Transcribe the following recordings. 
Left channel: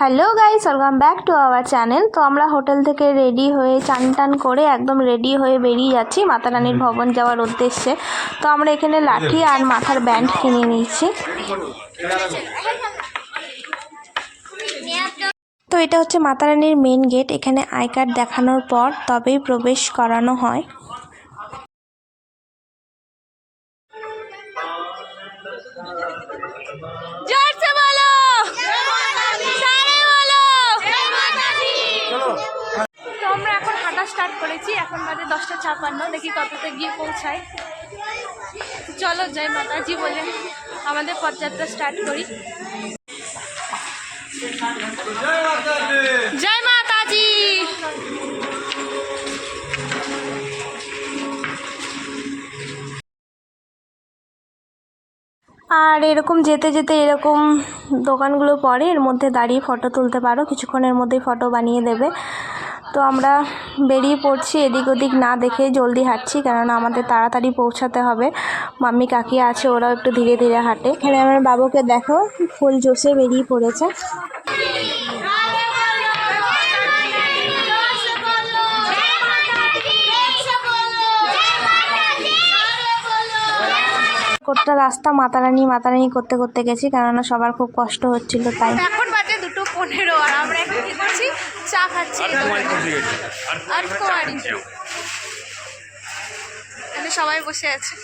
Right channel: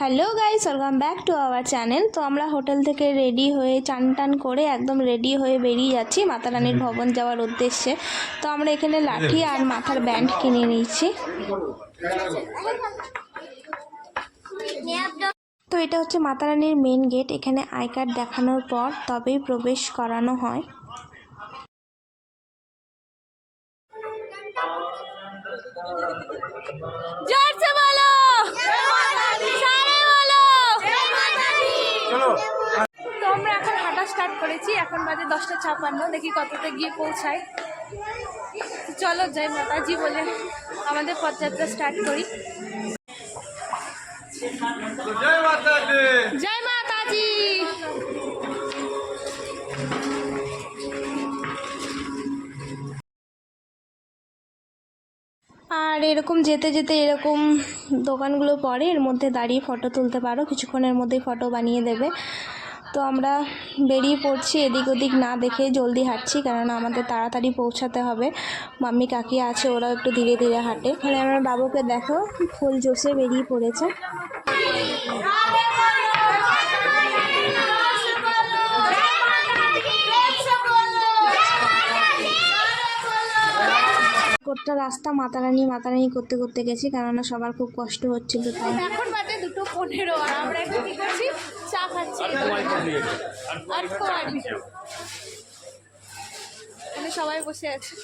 Hello guys, welcome back to our channel. তো আমরা hotel থেকে রেডি হয়ে চান টান করে একদম রেডি হয়ে বেরিয়ে যাচ্ছি মাতা রানীর ভবন যাওয়ার উদ্দেশ্যে। তো আমরা এখানে লাঠি আর মাথার ব্যান্ড কিনে নিয়েছি। তো এটা হচ্ছে মাতা রানীর মেন গেট। এখানে আই কার্ড দেখানোর পর তবেই প্রবেশ করানো হয়। তো আমরা এখন হাঁটা স্টার্ট করেছি। এখন বাজে 10:56। দেখি কততে গিয়ে পৌঁছাই। চলো জয় মাতাজি বলে আমাদের পদযাত্রা স্টার্ট করি। জয় মাতাজি। আর এরকম যেতে যেতে এরকম দোকানগুলো পড়ে, এর মধ্যে দাঁড়িয়ে ফটো তুলতে পারো, কিছুক্ষণের মধ্যেই ফটো বানিয়ে দেবে। তো আমরা বেরিয়ে পড়ছি, এদিক ওদিক না দেখে জলদি হাঁটছি, কেননা আমাদের তাড়াতাড়ি পৌঁছাতে হবে। মাম্মি কাকি আছে, ওরাও একটু ধীরে ধীরে হাঁটে। এখানে আমার বাবুকে দেখো, ফুল জোশে বেরিয়ে পড়েছে। গোটা রাস্তা মাতা রানী করতে করতে গেছি, কেননা সবার খুব কষ্ট হচ্ছিল তাই। এখন বাজে 2:15 আর আমরা এখন কি করছি, চা খাচ্ছি। সবাই বসে আছে।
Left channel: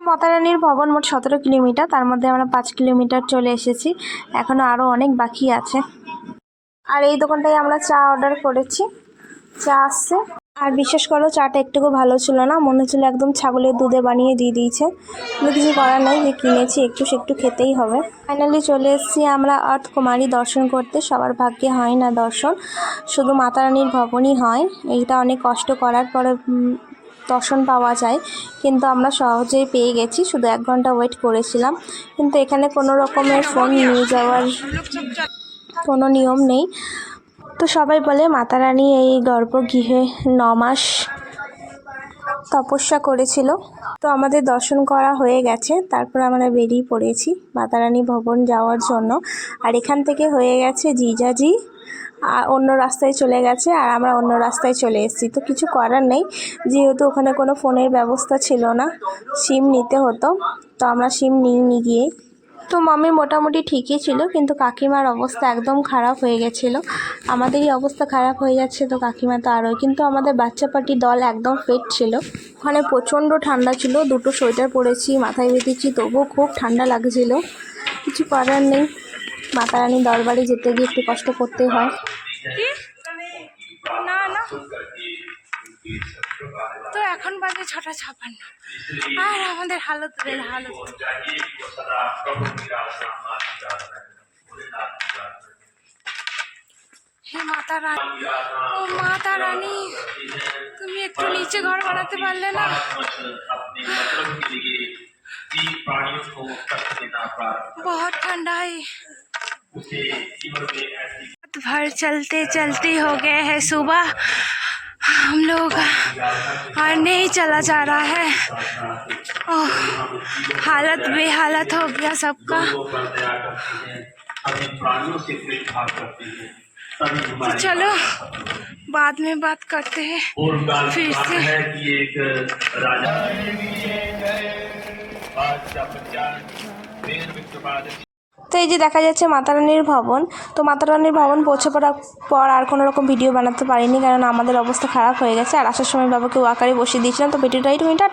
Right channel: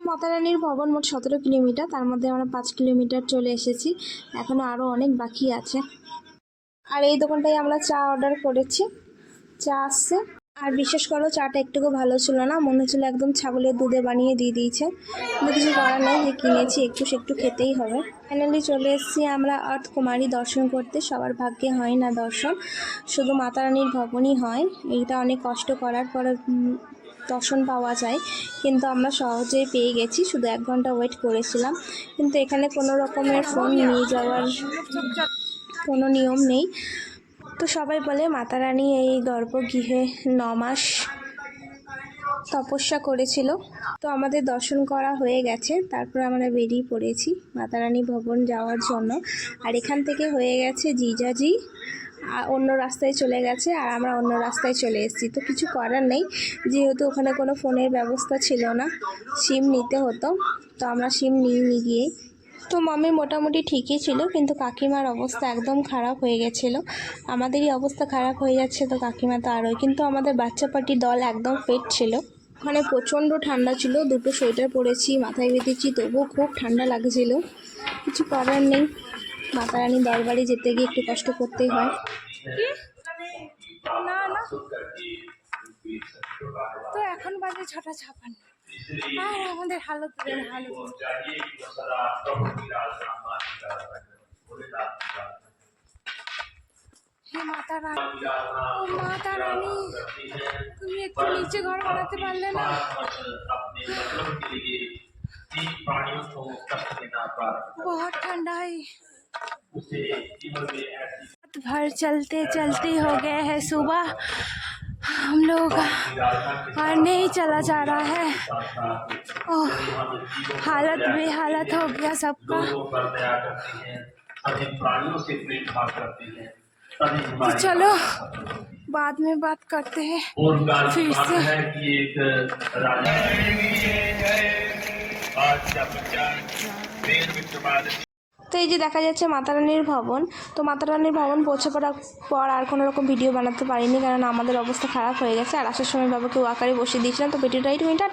মাতা রানীর ভবন মোট 17 কিলোমিটার, তার মধ্যে আমরা 5 কিলোমিটার চলে এসেছি, এখনো আরও অনেক বাকি আছে। আর এই দোকানটায় আমরা চা অর্ডার করেছি, চা আসছে। আর বিশ্বাস করো, চাটা একটুকু ভালো ছিল না, মনে হচ্ছিল একদম ছাগলের দুধে বানিয়ে দিয়ে দিয়েছে। কিন্তু কিছু করার নেই, যে কিনেছি একটু খেতেই হবে। ফাইনালি চলে এসেছি আমরা আর্থকুমারী দর্শন করতে। সবার ভাগ্যে হয় না দর্শন, শুধু মাতা রানীর ভবনই হয়। এইটা অনেক কষ্ট করার পরে দর্শন পাওয়া যায়, কিন্তু আমরা সহজেই পেয়ে গেছি। শুধু 1 ঘন্টা ওয়েট করেছিলাম, কিন্তু এখানে কোনো রকমের ফোন নিয়ে যাওয়ার কোনো নিয়ম নেই। তো সবাই বলে মাতা রানী এই গর্ভগৃহে 9 মাস তপস্যা করেছিল। তো আমাদের দর্শন করা হয়ে গেছে, তারপর আমরা বেরিয়ে পড়েছি মাতা রানী ভবন যাওয়ার জন্য। আর এখান থেকে হয়ে গেছে জিজাজি অন্য রাস্তায় চলে গেছে, আর আমরা অন্য রাস্তায় চলে এসেছি। তো কিছু করার নেই, যেহেতু ওখানে কোনো ফোনের ব্যবস্থা ছিল না, সিম নিতে হতো। তো আমরা সিম নিয়ে গিয়ে, তো মাম্মি মোটামুটি ঠিকই ছিল, কিন্তু কাকিমার অবস্থা একদম খারাপ হয়ে গেছিলো। আমাদেরই অবস্থা খারাপ হয়ে যাচ্ছে, তো কাকিমা তো আরোই। কিন্তু আমাদের বাচ্চা পার্টি দল একদম ফিট ছিল। ওখানে প্রচণ্ড ঠান্ডা ছিল, 2টো সোয়েটার পরেছি, মাথায় বেঁধেছি, তবুও খুব ঠান্ডা লাগছিল। কিছু করার নেই, মাতা রানী দরবারে যেতে গিয়ে একটু কষ্ট করতেই হয়। না না, তো এখন বাজে 6:56 আর আমাদের হালত হে মাতা রানী, ও মাতা রানী, তুমি একটু নিচে ঘর বানাতে পারলে না? बहुत ठंडा है। भर चलते चलते हो गए हैं सुबह, हम लोग और नहीं चला जा रहा है। ओह, हालत बेहालत हो गया सबका। तो चलो बाद में बात करते हैं फिर से। তো এই যে দেখা যাচ্ছে মাতা রানীর ভবন। তো মাতা রানীর ভবন পৌঁছে পড়ার পর আর কোনো রকম ভিডিও বানাতে পারিনি, কারণ আমাদের অবস্থা খারাপ হয়ে গেছে। আর আসার সময় বাবাকে ওয়াকারে বসিয়ে দিয়েছিলাম। তো ভিডিওটা টাটা।